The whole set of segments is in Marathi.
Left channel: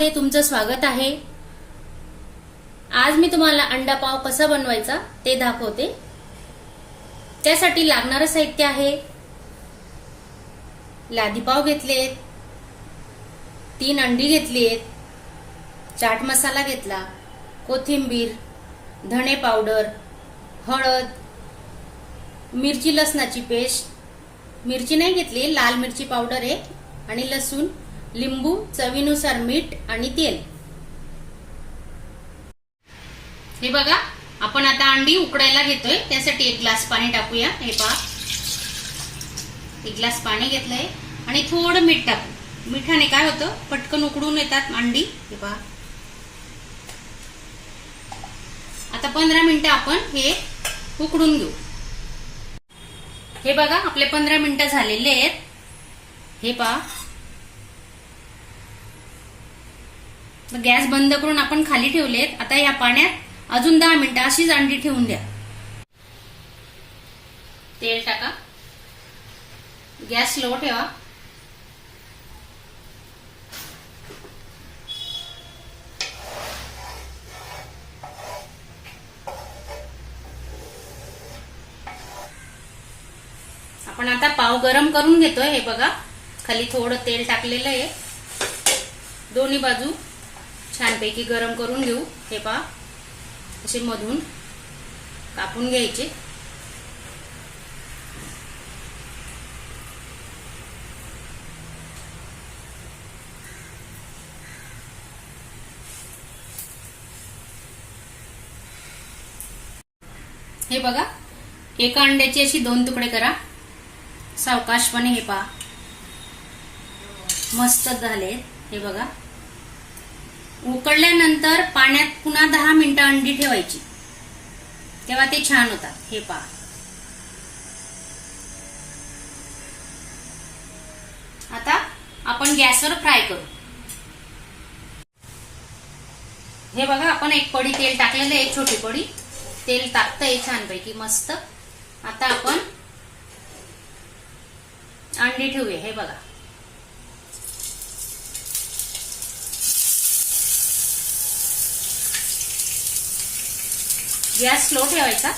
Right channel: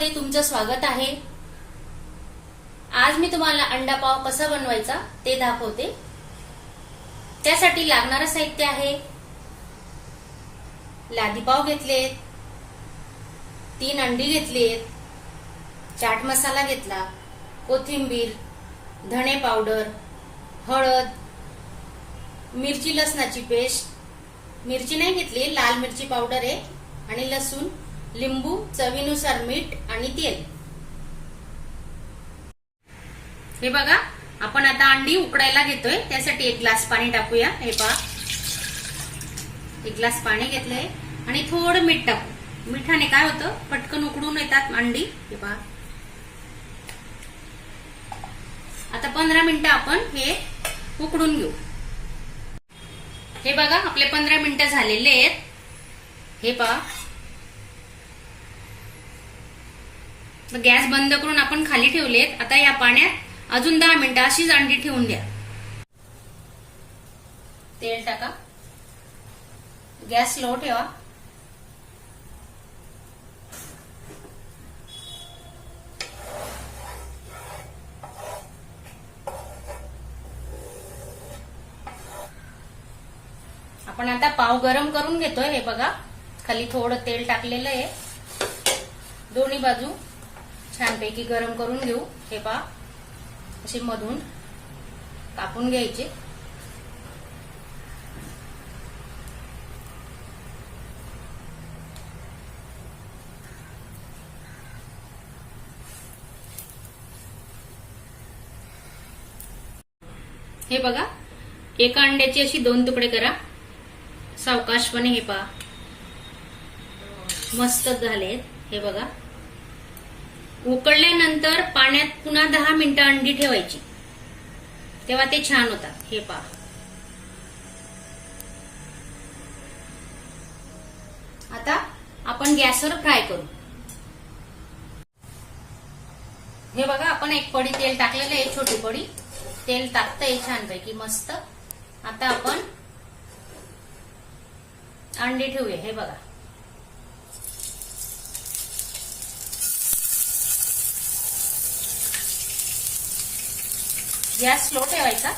मध्ये तुमचं स्वागत आहे. आज मी तुम्हाला अंडा पाव कसा बनवायचा ते दाखवते. त्यासाठी लागणारं साहित्य आहे. लादी पाव घेतलेत. तीन अंडी घेतलीत. चाट मसाला घेतला. कोथिंबीर धणे पावडर हळद मिरची लसणाची पेस्ट. मिरची नाही घेतली लाल मिरची पावडर आहे आणि लसूण. लिंबू चवीनुसार मीठ आणि तेल. हे बघा आपण आता अंडी उकडायला घेतोय. त्यासाठी एक ग्लास पाणी टाकूया. हे पहा. एक ग्लास पाणी घेतलंय. आणि थोडं मीठ टाकू. मिठाने काय होतं? पटकन उकडून येतात अंडी. हे पहा. आता पंधरा मिनिटं आपण हे उकडून घेऊ. हे बघा आपले पंधरा मिनिटं झालेले आहेत. हे पहा. गॅस बंद करून आपण खाली ठेवलेत. आता या पाण्यात अजून दहा मिनिटं अशीच अंडी ठेवून द्या. तेल टाका. गॅस स्लो ठेवा. आपण आता पाव गरम करून घेतोय. हे बघा खाली थोडं तेल टाकलेलं आहे. दोन्ही बाजू. छानपैकी गरम करून घेऊ. हे पहा. असे मधून कापून घ्यायचे. हे बघा. एका अंड्याची अशी दोन तुकडे करा. सावकाशपणे हे पहा. मस्त झाले हे बघा. उकळल्यानंतर पाण्यात पुन्हा दहा मिनिटं अंडी ठेवायची. तेव्हा ते छान होतात. हे पहा. आता आपण गॅसवर फ्राय करू. हे बघा आपण एक पडी तेल टाकलेलं आहे एक छोटी पडी तेल टाकतंय छानपैकी मस्त. आता आपण अंडी ठेवूया. हे बघा. गॅस स्लो ठेवायचा.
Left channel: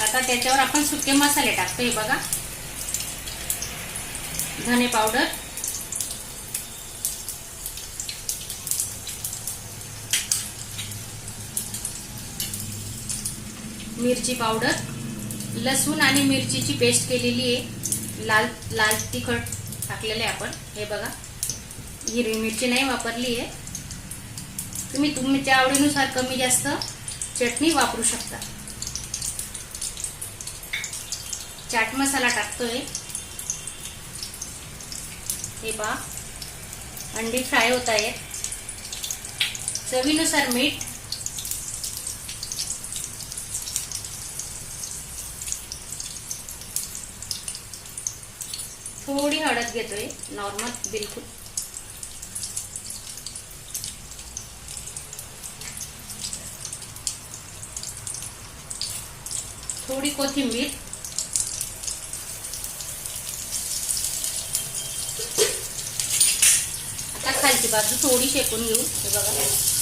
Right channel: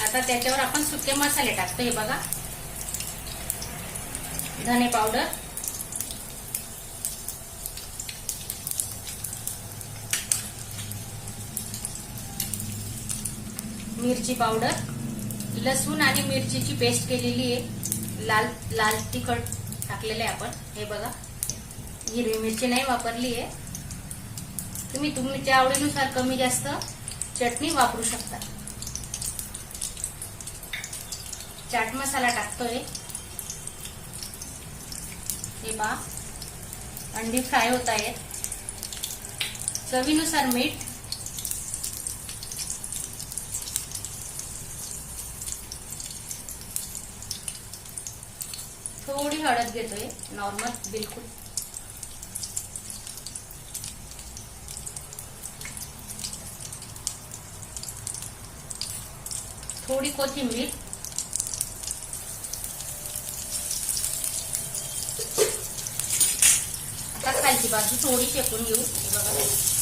आता त्याच्यावर आपण सुके मसाले टाकतो हे बघा. धने पावडर. मिरची पावडर. लसूण आणि मिरचीची पेस्ट केलेली आहे. लाल लाल तिखट टाकलेलं आहे आपण. हे बघा. हिरवी मिरची नाही वापरली आहे. तुम्ही तुमच्या आवडीनुसार कमी जास्त चटणी वापरू शकता. चाट मसाला टाकतोय. हे पहा. अंडी फ्राय होत आहेत. चवीनुसार मीठ. थोडी हळद घेतोय. नॉर्मल बिलकुल. थोडी कोथिंबीर। आता खालची बाजू थोडी शेकून घेऊ. बघा.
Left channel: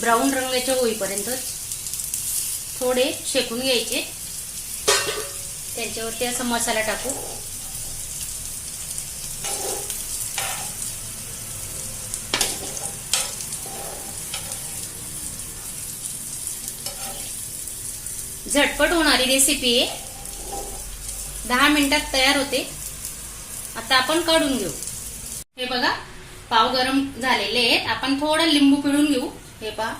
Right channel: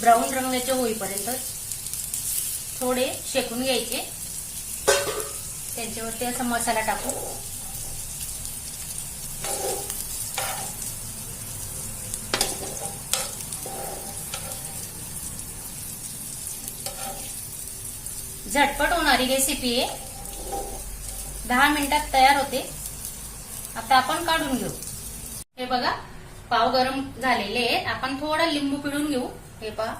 ब्राऊन रंगाचे होईपर्यंत थोडे शेकून घ्यायचे. त्यांच्यावरती असा मसाला टाकू. झटपट होणारी रेसिपी आहे दहा मिनिटात तयार होते. आता आपण काढून घेऊ. हे बघा पाव गरम झालेले आहेत. आपण थोडं लिंबू पिळून घेऊ. हे पहा.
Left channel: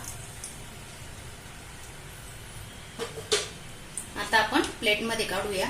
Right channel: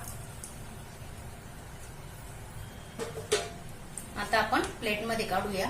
आता आपण प्लेटमध्ये काढूया.